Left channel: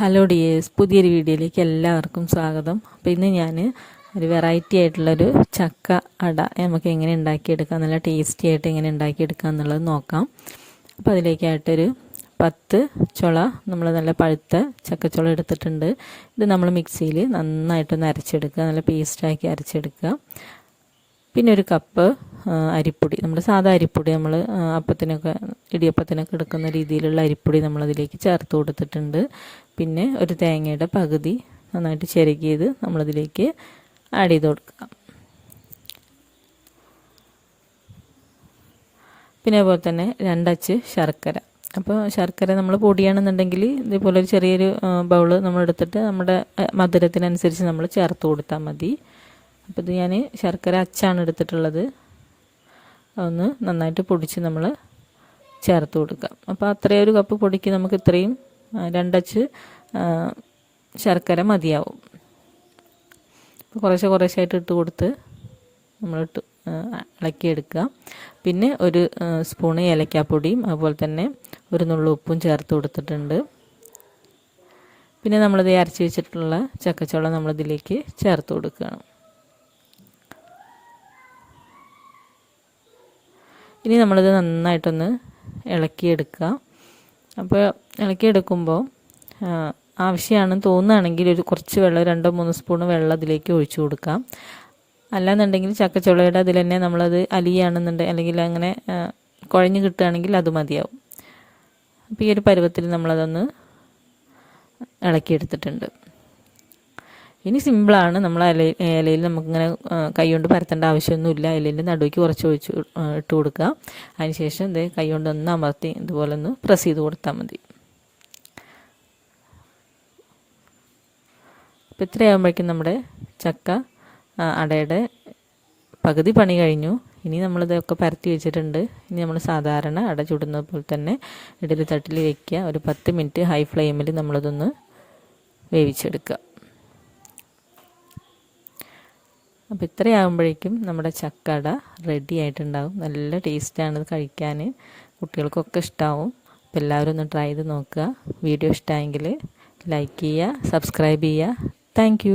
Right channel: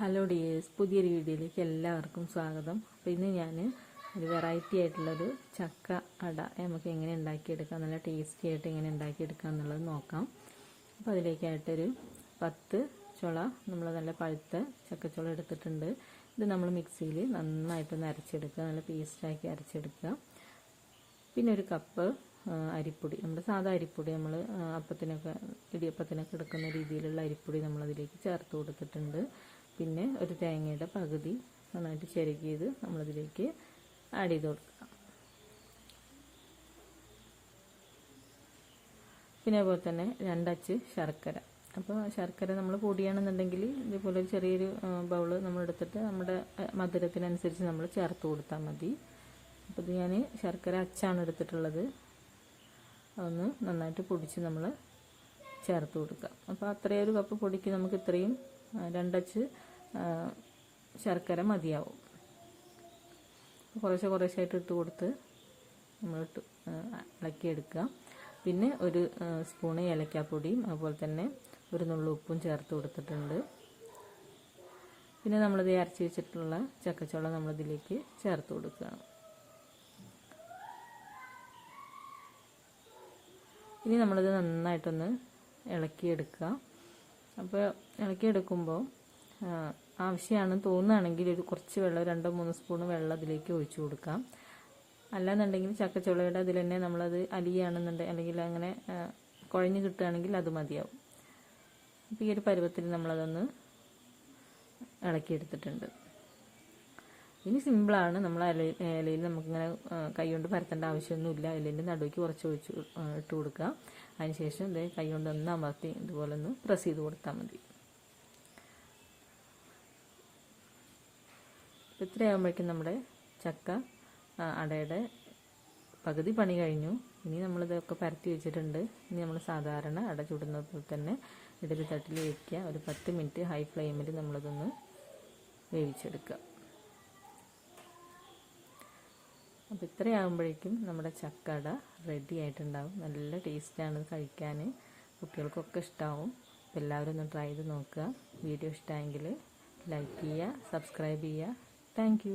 Hello dears പുതിയൊരു വീഡിയോയിലേക്ക് എല്ലാവർക്കും സ്വാഗതം. അപ്പോൾ ഇന്ന് ഞാൻ ഒരു വെറൈറ്റി ആയിട്ടുള്ളൊരു ചക്ക അട നമുക്ക് എങ്ങനെ ഉണ്ടാക്കിയെടുക്കാം നല്ല ടേസ്റ്റി ആയിട്ട് എങ്ങനെ ഉണ്ടാക്കിയെടുക്കാം എന്നുള്ളത് നോക്കാം. അപ്പോൾ അതിലേക്കായിട്ടൊരു പത്ത് ചുള നമ്മൾ നല്ല പഴുത്ത ചക്കച്ചുള എടുത്തിട്ടുണ്ട്. ഇത് നമ്മൾ മിക്സിയിൽ നന്നായിട്ടൊന്ന് അരച്ചെടുക്കുക നല്ല പേസ്റ്റാക്കി അരച്ചെടുക്കുക. പിന്നെ ഒരു കപ്പ് അരിപ്പൊടി. നമ്മൾ സാധാ അരിപ്പൊടി നമ്മൾ അപ്പത്തിനൊക്കെ ഇടിയപ്പത്തിനൊക്കെ എടുക്കുന്ന രീതിയിലുള്ള അരിപ്പൊടി നമ്മളതിലേക്ക് ചേർത്ത് കൊടുത്തിട്ടുണ്ട്. പിന്നെ ഒരു തേങ്ങയുടെ പകുതി നന്നായിട്ട് ചിരകിയത് നമ്മളതിലേക്ക് ആഡ് ചെയ്ത് കൊടുക്കുക പിന്നെ അതുപോലെ തന്നെ രണ്ടച്ച് ശർക്കര. അപ്പോൾ ശർക്കര നമ്മൾ പൊടിയാണെന്നുണ്ടെങ്കിൽ ഇതേപോലെ ഒരു ചെറിയൊരു ബൗൾ നമ്മൾ എടുത്തിട്ട് നമ്മുടെ മധുരത്തിനനുസരിച്ച് നമ്മൾ ചേർത്ത് കൊടുത്താൽ മതി. അപ്പോൾ ഇത് ഞാൻ ശർക്കര അച്ചാണ് എടുത്തിട്ടുള്ളത്. അതൊന്ന് നന്നായിട്ട് പൊടിച്ച് നമ്മൾ ചേർത്ത് കൊടുക്കാം. അപ്പോൾ അത്രയും ഒരു കപ്പ് പൊടിക്ക് നമുക്ക് ഇത്രയും രണ്ടച്ച് ശർക്കര മതിയാവും. കുറേശ്ശെ കുറേശ്ശായിട്ട് ഇട്ട് കൊടുത്ത് നമ്മൾ ഇട്ട് ഇളക്കിയെടുക്കുക. പിന്നെ ഒരു സ്പൂണ് ഏലക്കാപ്പൊടിയും അതുപോലെ തന്നെ ഒരു നുള്ളു ഉപ്പും ചേർത്ത് കൊടുത്തിട്ടുണ്ട്. പിന്നെ നമ്മളിത് അരച്ച് വെച്ചിട്ടുള്ള ചക്കച്ചോളം നമ്മളിതിലേക്ക് ചേർത്ത് കൊടുക്കുകയാണ്. ഇനി നമ്മളിത് നന്നായിട്ടൊന്ന് ഇളക്കിയെടുക്കുക. അപ്പോൾ ഇളക്കിയെടുക്കുമ്പോൾ ആവശ്യമാണെന്ന് തോന്നുകയാണെങ്കിൽ ഒരു കുറച്ച് വെള്ളം രണ്ടോ മൂന്ന് സ്പൂൺ വെള്ളം അതിലേക്ക് ഒഴിച്ചു കൊടുക്കാം അല്ലാന്നുണ്ടെങ്കിൽ ചക്കച്ചുളയുടെ അതിൽ തന്നെ നമ്മളത് അലിയാണെന്നുണ്ടെങ്കിൽ അല്ലെങ്കിൽ അങ്ങനെ കുഴഞ്ഞു കിട്ടുകയാണെങ്കിൽ അത് മതിയാവും. അപ്പോൾ ഈ ഒരു പരുവത്തിൽ നമ്മളതൊന്ന് ഇളക്കിയെടുത്തിട്ടുണ്ട്. ഇനി സിമ്പിളാണ്. നമ്മൾ ഇല ഇലയിൽ നമുക്കിങ്ങനെ കൈ കൊണ്ട് പരത്തേണ്ട ആവശ്യമൊന്നുമില്ല. ഇലയിൽ നടുവയ്ക്ക് കുറച്ച് ഒഴിച്ച് ഇട്ട് കൊടുക്കുക. അതിനുശേഷം ഇത് കൈകൊണ്ട് ഒന്ന് അമർത്തി ഇതുപോലെ ഒന്ന് പ്രസ് ചെയ്ത് കൊടുത്താൽ മതി. അപ്പോൾ ഇത്രയാകുമ്പോഴേക്കും നമ്മുടെ ചക്ക അടയുടെ പകുതി പണി കഴിഞ്ഞു. ഇനി നമ്മളിതൊക്കെ പരത്തി വെച്ചിട്ടുണ്ട്. ഇനി നമ്മൾ സാധാരണ അട ചുടുന്നത് പോലെ തന്നെ ഇഡലി തട്ടിൽ വയ്ക്കുക ഒരു പത്ത് മിനിറ്റ് ഹൈ ഫ്ലെയിമിൽ നമ്മളിതൊന്ന് വേവിച്ചെടുക്കുക. അപ്പോൾ ഇത്രയാകുമ്പോഴേക്കും നമ്മുടെ ചക്കട റെഡി ആയിട്ടുണ്ടാവും. നല്ല ടേസ്റ്റാണ് കഴിക്കാൻ. കുട്ടികൾക്കൊക്കെ ഇഷ്ടമാവും അപ്പോൾ എല്ലാവരും ഒന്ന് ട്രൈ ചെയ്ത് നോക്കുക. വീഡിയോ ഇഷ്ടമായെങ്കിൽ ലൈക്ക് ചെയ്യുക സബ്സ്ക്രൈബ് ചെയ്യുക. താങ്ക്